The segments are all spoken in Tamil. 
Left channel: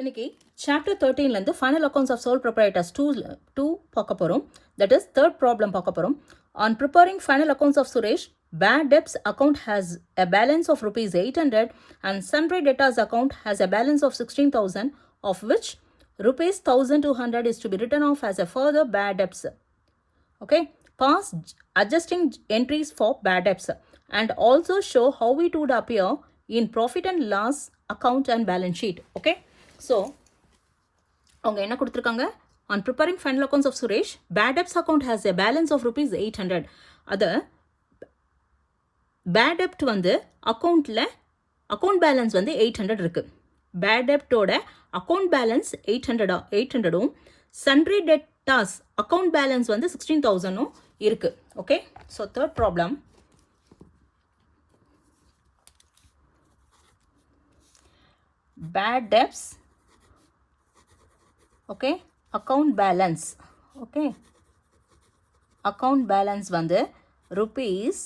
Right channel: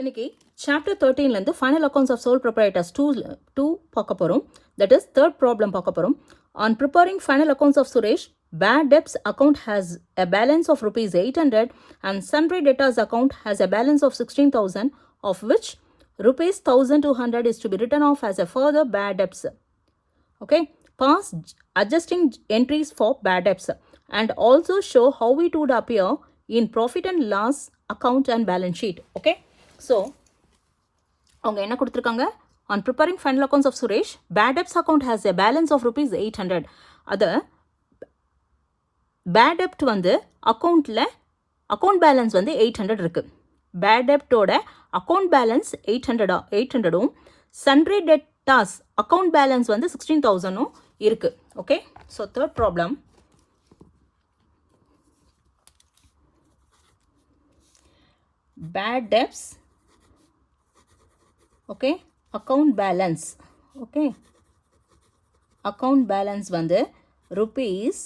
இன்னைக்கு சாப்டர் 13லேருந்து final accounts of sole proprietors two பார்க்க போகிறோம். தட் இஸ் தேர்ட் ப்ராப்ளம் பார்க்க போகிறோம். On preparing final accounts of Suresh, bad debts account has a balance of rupees 800 and sundry debtors account has a balance of 16,000, of which rupees 1,200 is to be written off as a further bad debts. Okay, pass adjusting entries for bad debts and also show how it would appear in profit and loss account and balance sheet. Okay, so அவங்க என்ன கொடுத்துருக்காங்க? on preparing final accounts of Suresh, bad debts account has a balance of rupees 800. அது பேட் டெப்ட் வந்து அக்கௌண்ட்டில் அக்கௌண்ட் பேலன்ஸ் வந்து 800 இருக்குது. பேட் டெப்டோட அக்கௌண்ட் பேலன்ஸ் 800ம் சன்ட்ரி டெட்டாஸ் அக்கௌண்ட் பேலன்ஸ் வந்து 16,000ம் இருக்குது. Okay, so third problem. Bad debts, okay, account balance, okay, account balance வந்து rupees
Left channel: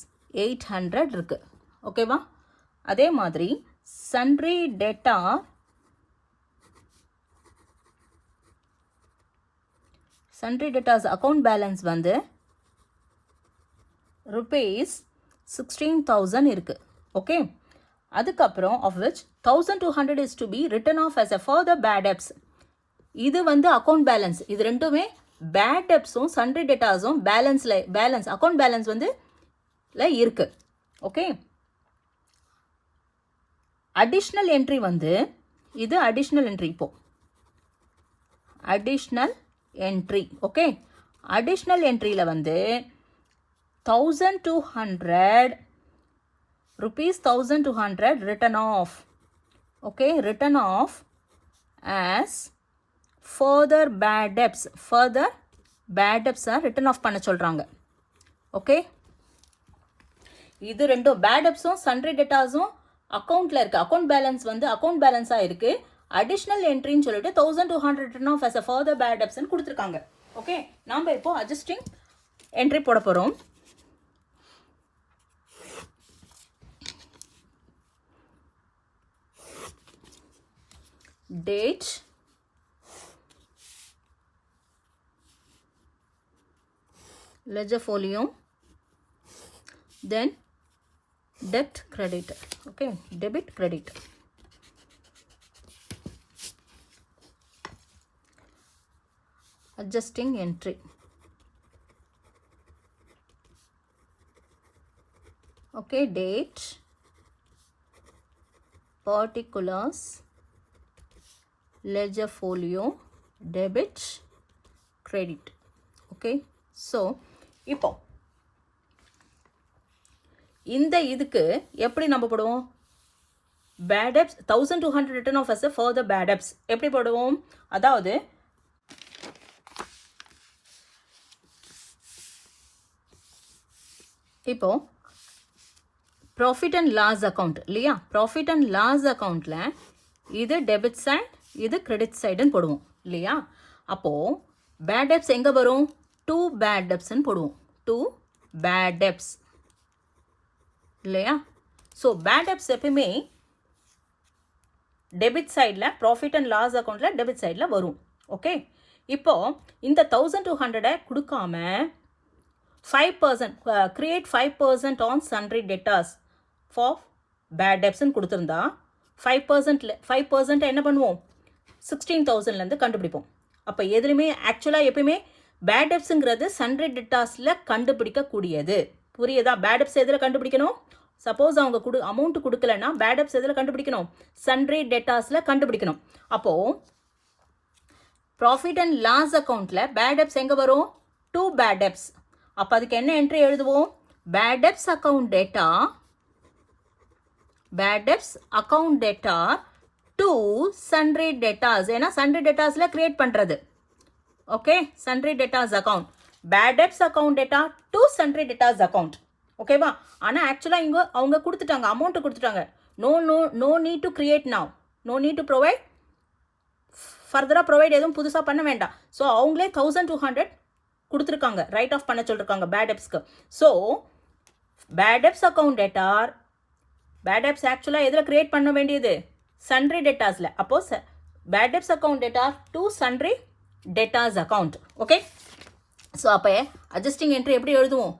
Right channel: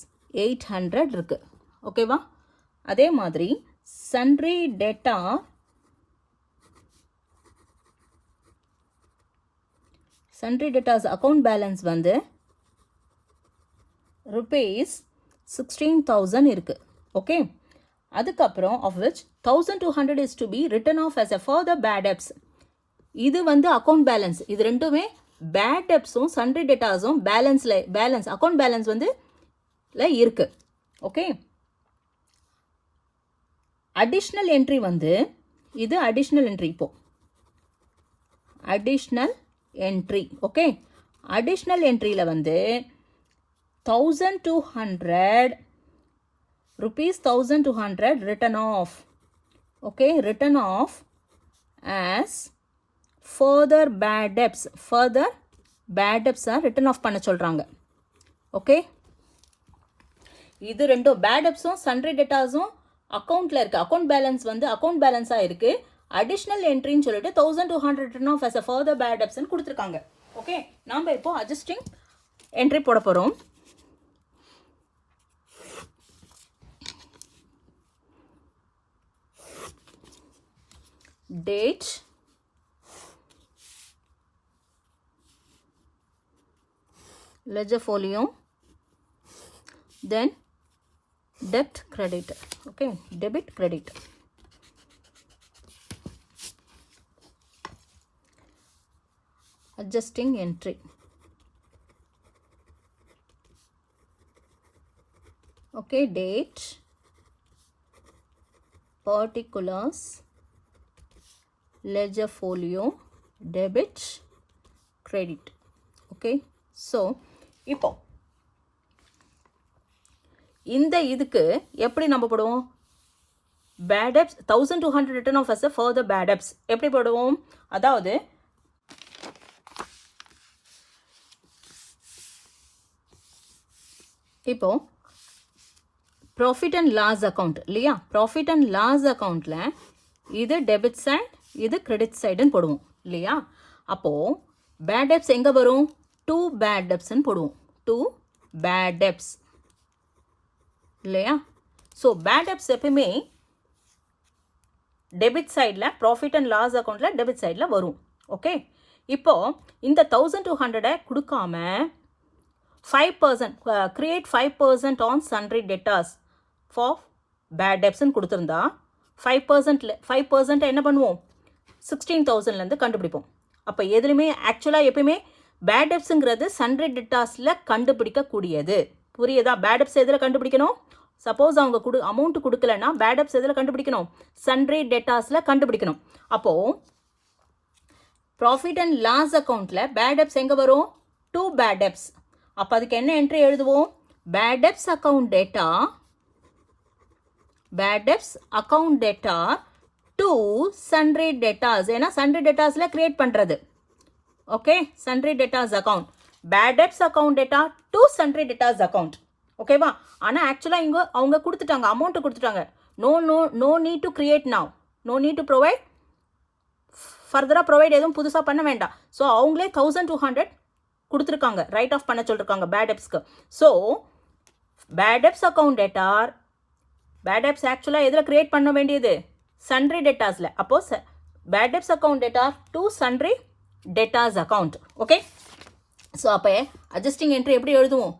800 இருக்குது. ஓகேவா? அதே மாதிரி சன்ட்ரி டெட்டாஸ் அக்கௌண்ட் பேலன்ஸ் வந்து rupees 16,000 இருக்குது. ஓகே, அதுக்கப்புறம் of which 1,200 is to be written off as a further bad debts. இது வந்து அக்கௌண்ட் பேலன்ஸ். இது ரெண்டுமே பேட் டெப்ஸும் சன்ட்ரி டெட்டாஸும் பேலன்ஸ் அக்கௌண்ட் பேலன்ஸ் வந்து இருக்கு. ஓகே, அடிஷ்னல் என்ட்ரி வந்து இது அடிஷ்னல் என்ட்ரி. இப்போ அடிஷ்னல் என்ட்ரி, ஓகே, அடிஷ்னல் என்ட்ரியில் வந்து 1,200 rupees 1,200 written off. Okay, written off as further bad debts. further bad debts are written off பண்ண சொல்கிறாங்க. ஓகே, இது ரெண்டும் பேட் டெப்ஸும் சன்ட்ரி டெட்டாஸும் அக்கௌண்ட்டில் இருக்குது. அக்கௌண்ட் பேலன்ஸ் வந்து அக்கௌண்ட் பேலன்ஸாக இருக்குது. அடிஷ்னல் என்ட்ரின்னு சொல்லிட்டு 1,200 written off as a further bad debtsன்னு கொடுத்துருக்காங்க. ஓகே, நாம் இப்போ அட்ஜஸ்டிங் என்ட்ரி போட போகிறோம். Date, ledger folio, then debt credit. Okay, debit credit. Adjusting entry. Okay, date, particulars, ledger folio, debit credit. Okay, so இப்போ இந்த இதுக்கு எப்படி நம்ம போடுவோம்? Bad debts 1,200 written off as a further bad debts எப்படி போடுவோம்? அதாவது இப்போ ப்ராஃபிட் அண்ட் லாஸ் அக்கௌண்ட் இல்லையா? ப்ராஃபிட் அண்ட் லாஸ் அக்கௌண்ட்டில் இது டெபிட் சைட், இது கிரெடிட் சைடுன்னு போடுவோம் இல்லையா? அப்போது பேட் டெப்ஸ் எங்கே வரும்? 2 bad debtsன்னு போடுவோம். 2 bad debts இல்லையா? ஸோ பேட் டெப்ஸ் எப்பயுமே டெபிட் சைடில், ப்ராஃபிட் அண்ட் லாஸ் அக்கௌண்ட்டில் டெபிட் சைடில் வரும். ஓகே, இப்போது இந்த 1,200 கொடுக்காம 5% create 5% on sundry debtors for bad டெப்ஸ்ன்னு கொடுத்துருந்தா 5% என்ன பண்ணுவோம்? 16,000லேருந்து கண்டுபிடிப்போம். அப்போ எதுலையுமே ஆக்சுவலாக எப்பயுமே பேட் டெப்ஸுங்கிறது சன்ட்ரி டெட்டாஸில் கண்டுபிடிக்கக்கூடியது. புரியுதா? பேட் டெப்ஸ் எதில் கண்டுபிடிக்கணும்? சப்போஸ் அவங்க அமௌண்ட் கொடுக்கலன்னா பேட் டெப்ஸ் எதில் கண்டுபிடிக்கணும்? சன்ட்ரி டெட்டாஸில் கண்டுபிடிக்கணும். அப்போது ப்ராஃபிட் அண்ட் லாஸ் அக்கௌண்ட்டில் பேட் டெப்ஸ் எங்கே வரும்? 2 பேட் டெப்ஸ். அப்போ அதுக்கு என்ன என்ட்ரி எழுதுவோம்? Bad debts account debtor, bad debts account debtor to sundry debtors. ஏன்னா சன்ட்ரி டெட்டாஸில் கிரியேட் பண்ணுறது. Okay, sundry debtors account, bad debts account debtor to sundry debtors account. ஓகேவா? ஆனால் ஆக்சுவலாக இங்கே அவங்க கொடுத்துட்டாங்க, அமௌண்ட்டு கொடுத்துட்டாங்க. No need to create now, no need to provide, ஃபர்தராக ப்ரொவைட் எதுவும் புதுசாக பண்ண வேண்டாம். ஸோ அவங்களே 1,200 கொடுத்துருக்காங்க, ரைட் ஆஃப் பண்ண சொல்லியிருக்காங்க பேட் டெப்ஸ்க்கு. So bad debts account debtor, bad debts ஆக்சுவலாக எதில் கிரியேட் பண்ண வேண்டியது? சன்ட்ரி டெட்டாஸில். அப்போது bad debts account debtor to sundry debtors account. Okay, so அப்போ அட்ஜஸ்டிங் என்ட்ரி எப்படி எழுதுவோம்?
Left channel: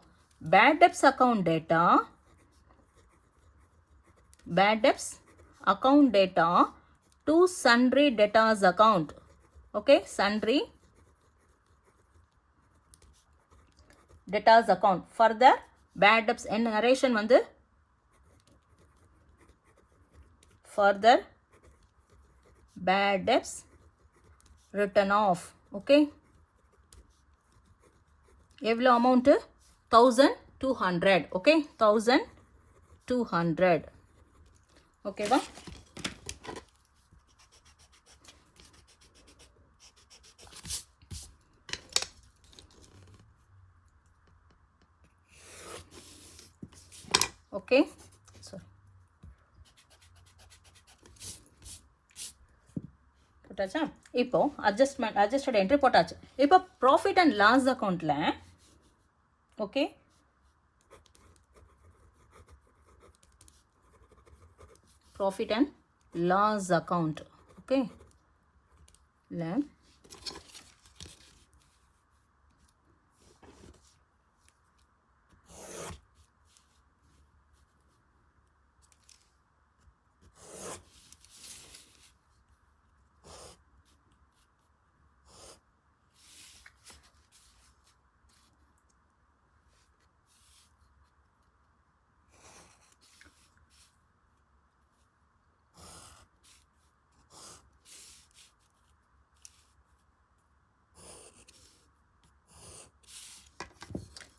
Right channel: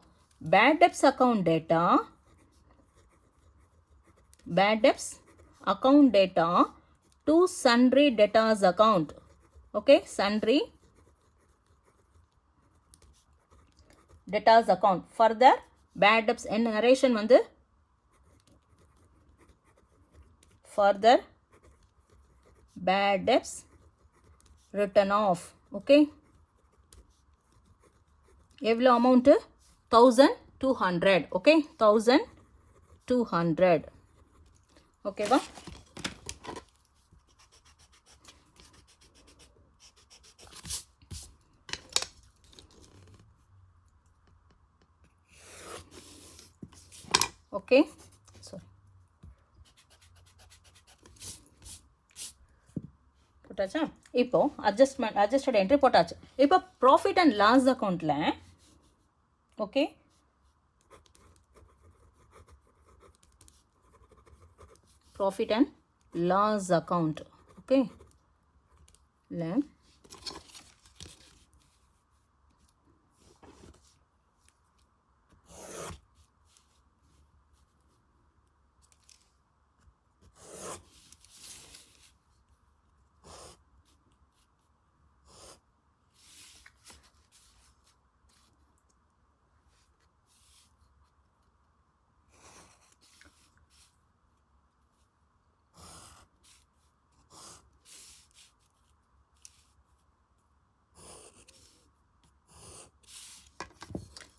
Bad debts account debtor, bad debts account debtor to sundry debtors account. Okay, sundry debtors account. Further bad debts in narration வந்து further bad debts written off. Okay, எவ்வளோ amount? 1200. Okay, 1200. Okay வா? ஓகே, சாரி போட்டாச்சா? இப்போ அட்ஜஸ்டட் என்ட்ரி போட்டாச்சு. இப்போ ப்ராஃபிட் அண்ட் லாஸ் அக்கௌண்ட்டில் okay, profit and loss account. Okay, இல்லை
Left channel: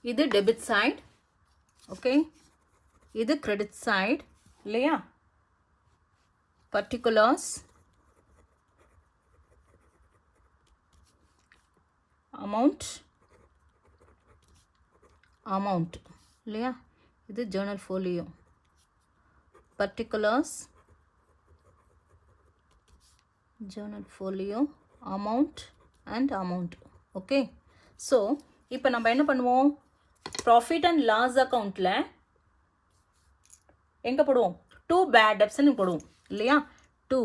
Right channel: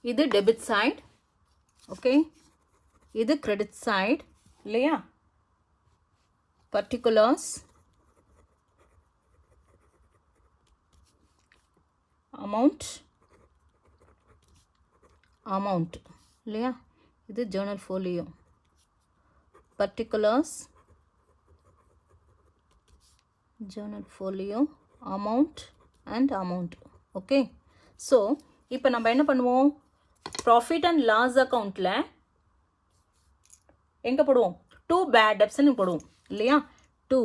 இது டெபிட் சைட். ஓகே, இது கிரெடிட் சைட் இல்லையா? பர்டிகுலர்ஸ், அமௌண்ட் இல்லையா? இது journal folio. Particulars, journal folio, amount and amount. Okay, so இப்போ நம்ம என்ன பண்ணுவோம்? ப்ராஃபிட் அண்ட் லாஸ் அக்கௌண்ட்டில் எங்கே போடுவோம்? 2 பேட் டெப்ஸ்ன்னு போடுவோம் இல்லையா? 2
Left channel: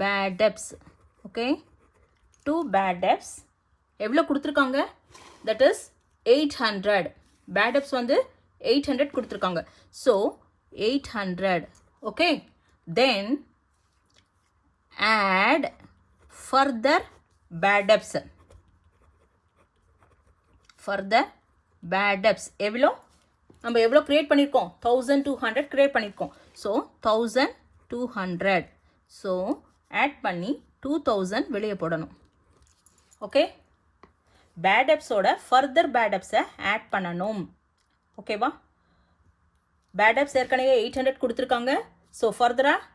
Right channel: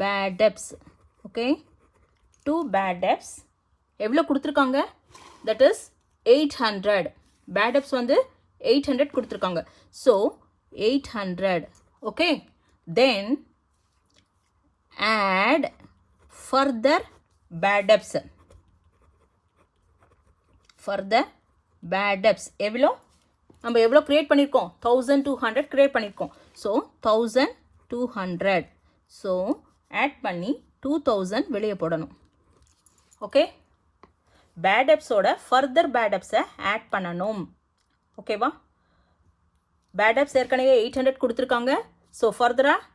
bad debts. Okay, 2 bad debts எவ்வளோ கொடுத்துருக்காங்க? That is 800. பேட் டெப்ஸ் வந்து 800 கொடுத்துருக்காங்க. So 800. Okay, then add further bad debts. Further bad debts எவ்வளோ? நம்ம எவ்வளோ க்ரியேட் பண்ணியிருக்கோம்? 1200 க்ரியேட் பண்ணியிருக்கோம். ஸோ 1200. ஸோ ஆட் பண்ணி 2000 வெளியே போடணும். ஓகே, பேட் டெப்ஸோட ஃபர்தர் பேட் டெப்ஸை ஆட் பண்ணணும். ஓகேவா? பேட் டெப்ஸ் ஏற்கனவே 800 கொடுத்துருக்காங்க. ஸோ ஃபர்தராக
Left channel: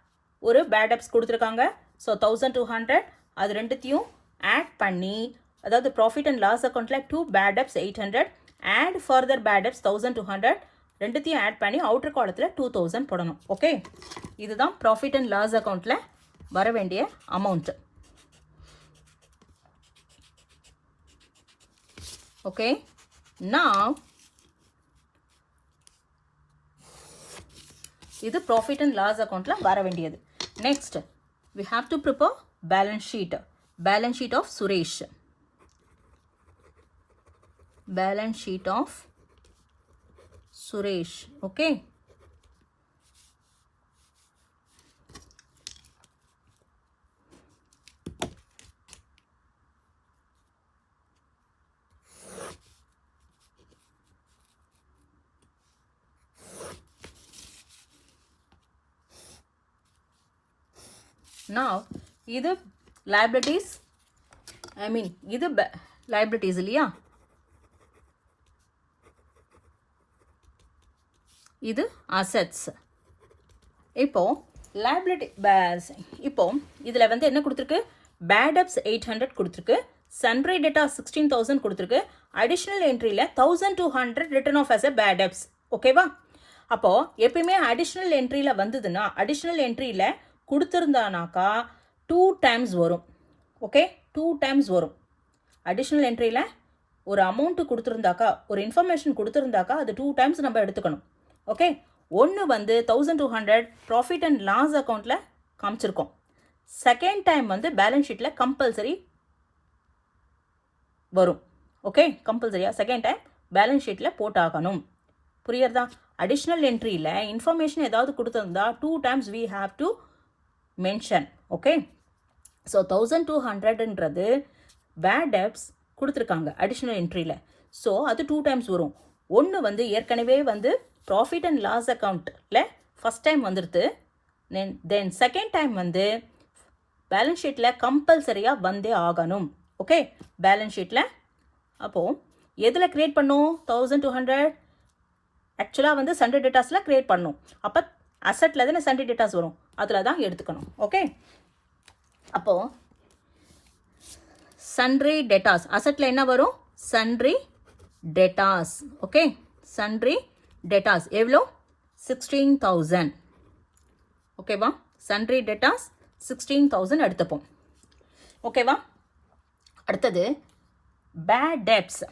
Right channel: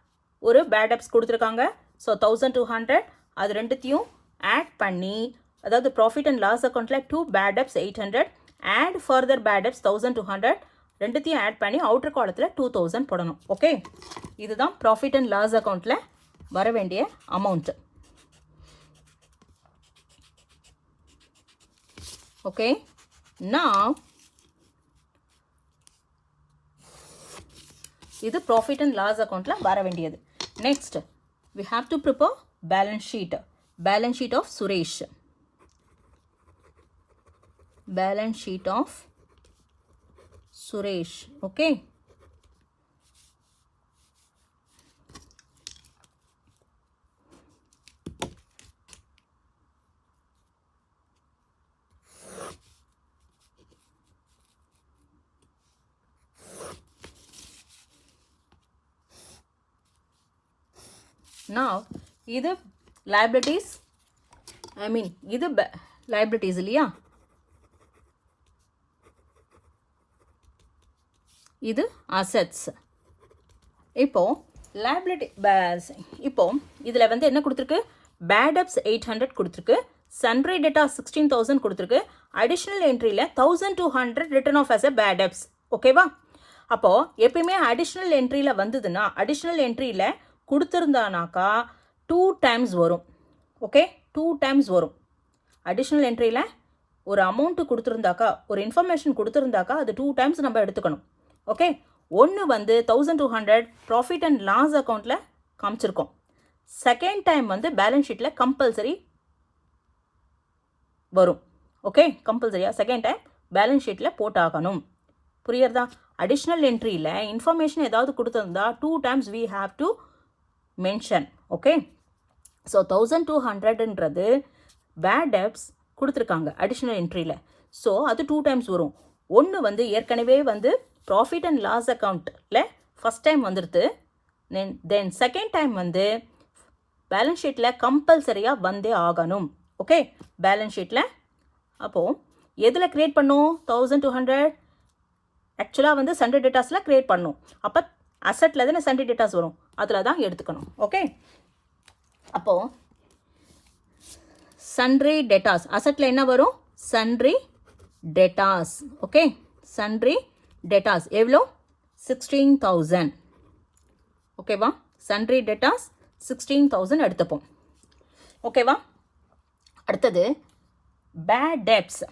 ஒரு பேட் டெப்ஸ் கொடுத்துருக்காங்க. ஸோ 1200 அது ரெண்டுத்தையும் ஆட் பண்ணி, அதாவது ப்ராஃபிட் அண்ட் லாஸ் அக்கௌண்ட்டில் 2 bad debts 800 add further bad debts 1200 ரெண்டுத்தையும் ஆட் பண்ணி அவுட்டர் காலத்தில் 2000 போடணும். ஓகே, இதுதான் ப்ராஃபிட் அண்ட் லாஸ் அக்கௌண்ட்டில் வர வேண்டிய அமௌண்ட்டு. ஓகே, நான் இது ப்ராஃபிட் அண்ட் லாஸ் அக்கௌண்ட்டில் வர வேண்டியது. Next we have to prepare balance sheet of Suresh. Balance sheet of Suresh. Okay, now இது liabilities, இது liabilities இல்லையா? இது assets. இப்போ liability இப்போ இதில் வந்து என்ன கொடுத்துருக்கு? bad debts 800 கொடுத்துருக்கு, sundry debtor 16,000 கொடுத்துருக்கு, additional entryல 1200 written off as a bad debts. ஓகேவா? அப்போது எப்பயுமே அடிஷ்னல் என்ட்ரியில் வந்ததுன்னா, அடிஷ்னல் என்ட்ரியில் கொடுத்துருந்தானாக்கா 2 times வரும். ஓகே, 2 times வரும். அடிஷ்னல் என்ட்ரியில் ஒரு அமௌண்ட்டு கொடுத்துருந்தாக்கா, ஒரு இன்ஃபர்மேஷன் கொடுத்துருந்தாக்கா அது 2 times நம்ம எடுத்துக்கணும். ஓகே, ஒன்று வந்து 1200 ப்ராஃபிட் அண்ட் லாஸ் அக்கௌண்ட்டில் காமிச்சிருக்கோம். செகண்ட் டைம் வந்து பேலன்ஸ் ஷீட்டில் கம்பல்சரி வரும். ஓகே, கம்பல்சரியாக செகண்ட் டைம் பேலன்ஸ் ஷீட்டில் போட்டாகணும். புரியுறதா? அடிஷ்னல் என்ட்ரியில் இன்ஃபர்மேஷன் ஏதாவது கொடுத்துருந்தா 2 times we have to mention. Okay, so 1200ன்றது பேட் டெப்ட்ஸ் கொடுத்துருக்காங்க அடிஷ்னல் என்ட்ரியில். ஸோ அது 2 times வரும். ஒன்று வந்து ஏற்கனவே வந்து ப்ராஃபிட் அண்ட் லாஸ் அக்கௌண்ட்டில் ஃபஸ்ட் டைம் வந்துடுது. தென் செகண்ட் டைம் வந்து பேலன்ஸ் ஷீட்டில் கம்பல்சரியாக வந்தே ஆகணும். ஓகே, பேலன்ஸ் ஷீட்டில் அப்போது எதில் க்ரியேட் பண்ணும்? 1200 ஆக்சுவலாக வந்து சண்டே டேட்டாஸில் க்ரியேட் பண்ணும். அப்போ அசட்டில் தானே சண்டே டேட்டாஸ் வரும், அதில் தான் எடுத்துக்கணும். ஓகே, அப்போது சன்ட்ரி டேட்டாஸ் அசட்டில் என்ன வரும்? Sundry datas. Okay, sundry datas எவ்வளோ? 16,000. ஓகேவா? சன்ட்ரி டேட்டாஸ் 16,000 எடுத்துப்போம். ஓகேவா? அடுத்தது பேட் டெப்ட்ஸ்.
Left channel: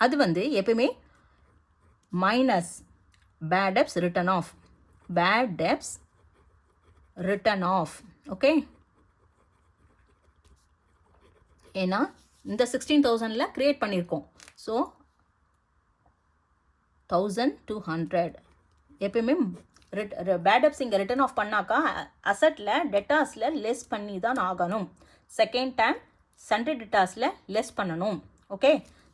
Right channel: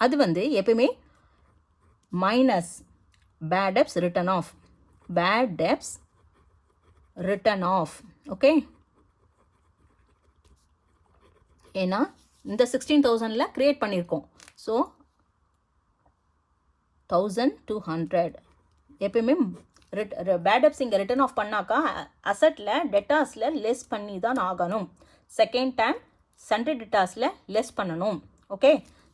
அது வந்து எப்பயுமே minus bad debts written off. Bad debts written off. Okay, ஏன்னா இந்த 16,000ல் க்ரியேட் பண்ணியிருக்கோம். ஸோ 1200 எப்பயுமே பேட் டெப்ட்ஸ் இங்கே ரிட்டன் ஆஃப் பண்ணாக்கா அசட்டில் டெட்டாஸில் லெஸ் பண்ணி தான் ஆகணும். செகண்ட் டைம் சன்ட்ரி டெட்டாஸில் லெஸ் பண்ணணும். ஓகே,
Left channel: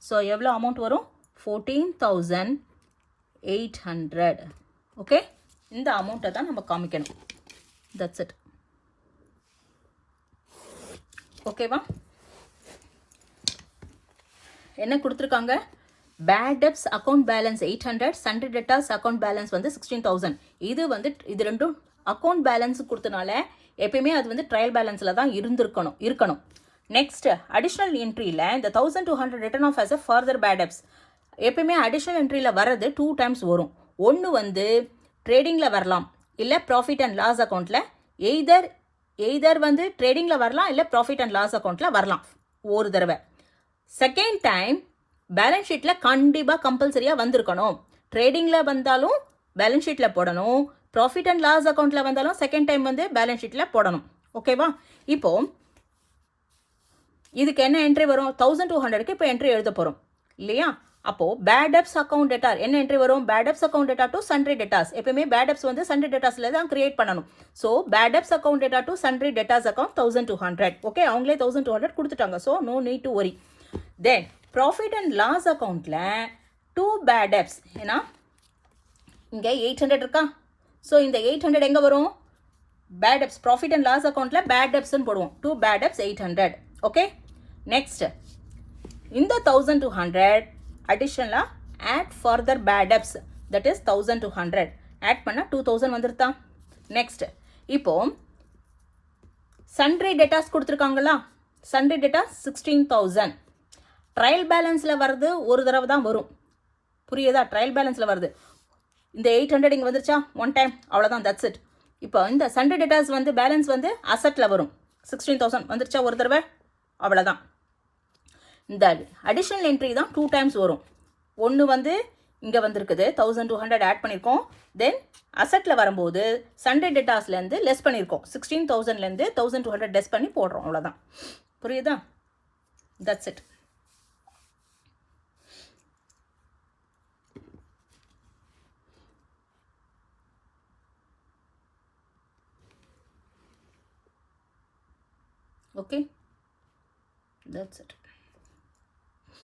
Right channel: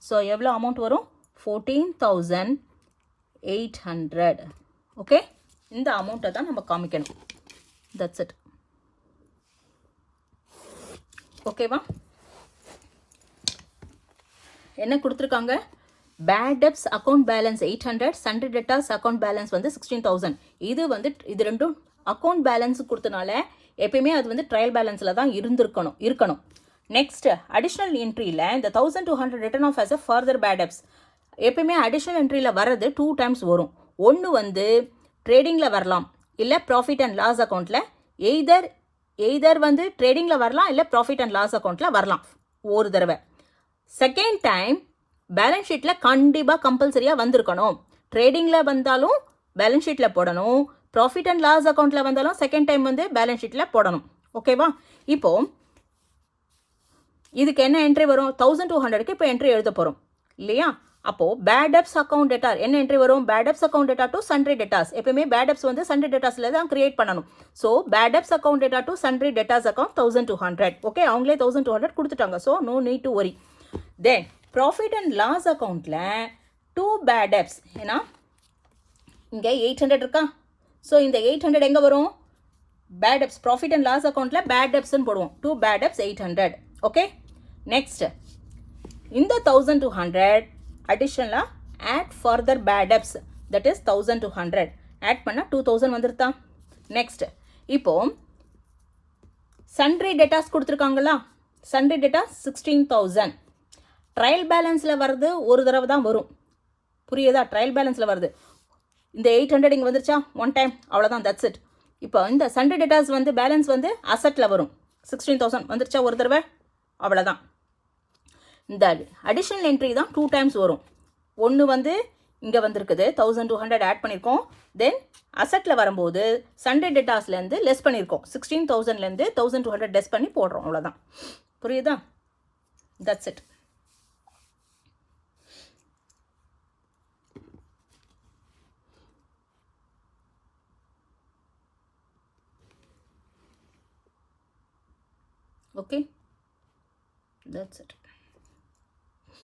ஸோ எவ்வளோ அமௌண்ட் வரும்? 14,800. ஓகே, இந்த அமௌண்ட்டை தான் நம்ம காமிக்கணும். That's it. ஓகேவா? என்ன கொடுத்துருக்காங்க? Bad debts account balance 800, sundry debtors account balance வந்து 16,000. இது ரெண்டும் அக்கௌண்ட் பேலன்ஸ் கொடுத்தனால எப்பயுமே அது வந்து ட்ரையல் பேலன்ஸில் தான் இருக்கணும். நெக்ஸ்ட் அடிஷ்னல் என்ட்ரியில் இந்த 1200 written off as a further bad debts. எப்பயுமே அடிஷ்னல் என்ட்ரியில் வர்றது 2 times வரும். ஒன்று வந்து ட்ரேடிங்கில் வரலாம், இல்லை ப்ராஃபிட் அண்ட் லாஸ் அக்கௌண்ட்டில். எய்தர் வந்து ட்ரேடிங்கில் வரலாம், இல்லை ப்ராஃபிட் அண்ட் லாஸ் அக்கௌண்ட்டில் வரலாம் ஒரு தடவை. செகண்ட் டைம் பேலன்ஸ் ஷீட்டில் கண்டிப்பாக கம்பல்சரியாக வந்திருக்கணும். ட்ரேடிங்கில் வந்தாலும் பேலன்ஸ் ஷீட்டில் போடணும், ப்ராஃபிட் அண்ட் லாஸ் அக்கௌண்ட்டில் வந்தாலும் செகண்ட் டைம் வந்து பேலன்ஸ் ஷீட்டில் போடணும். ஓகேவா? இப்போது இதுக்கு என்ன என்ட்ரி வரும்? 1200க்கு இப்போ என்ட்ரி எழுத போகிறோம் இல்லையா? அப்போது பேட் டெப்ட்ஸ் அக்கௌண்ட் டேட்டா என்ன என்ட்ரி வரும்? Bad debts account debtor to sundry debtors. எப்பயுமே பேட் டெப்ட்ஸ் வந்து சன்ட்ரி டேட்டாஸில் தான் கிரியேட் பண்ணணும். So bad debts account debtor to sundry debtors account 1200. Okay, அவங்களே 1200 கொடுத்துட்டாங்க. So no need to worry. Then profit and loss அக்கௌண்ட்டில் 2 பேட் டெப்ட்ஸ். ஏன்னா இங்கே 800 இருக்கா? ஸோ இந்த 800 எங்கே வரும்? Bad debts profit and loss அக்கௌண்ட்டில் பேட் டெப்ட்ஸ்ன்னு போடுவோம். 2 பேட் டெப்ட்ஸ் 800. ஓகே, நெக்ஸ்ட் இந்த 1200 அடிஷனலாக add further bad debts, that is 1200 add பண்ணால் 2000 வந்துருதா? நெக்ஸ்ட் இப்போது சன்ட்ரி டேட்டாஸ் கொடுத்துருக்காங்களா? Sundry debtors 16,000. ட்ரையல் பேலன்ஸில் வருது ஒரு தடவை தான் வரும். புரியுதா? ட்ரையல் பேலன்ஸில் வருது. இந்த 800 இங்கே வந்துருச்சா? ஒன் டைம், அவ்வளோதான், தட்ஸ் இட். இப்போ இந்த சன்ட்ரி டேட்டாஸ் வந்து பேலன்ஸ் வந்து அசட்டில் வரும். 16,000 வந்துருச்சா ஒரு தடவை? அவ்வளோதான். இந்த அடிஷ்னல் என்ட்ரி தான் 2 times வரும். ஒன்று வந்து இங்கே வந்திருக்குது 1200 ஆட் பண்ணியிருக்கோம். தென் அசட்டில் வரும்போது சன்ட்ரி டேட்டாஸ்லேருந்து லெஸ் பண்ணியிருக்கோம். 16,000லேருந்து 1200 லெஸ் பண்ணி போடுறோம். அவ்வளோதான். புரியுதா? That's it. Okay, that's it.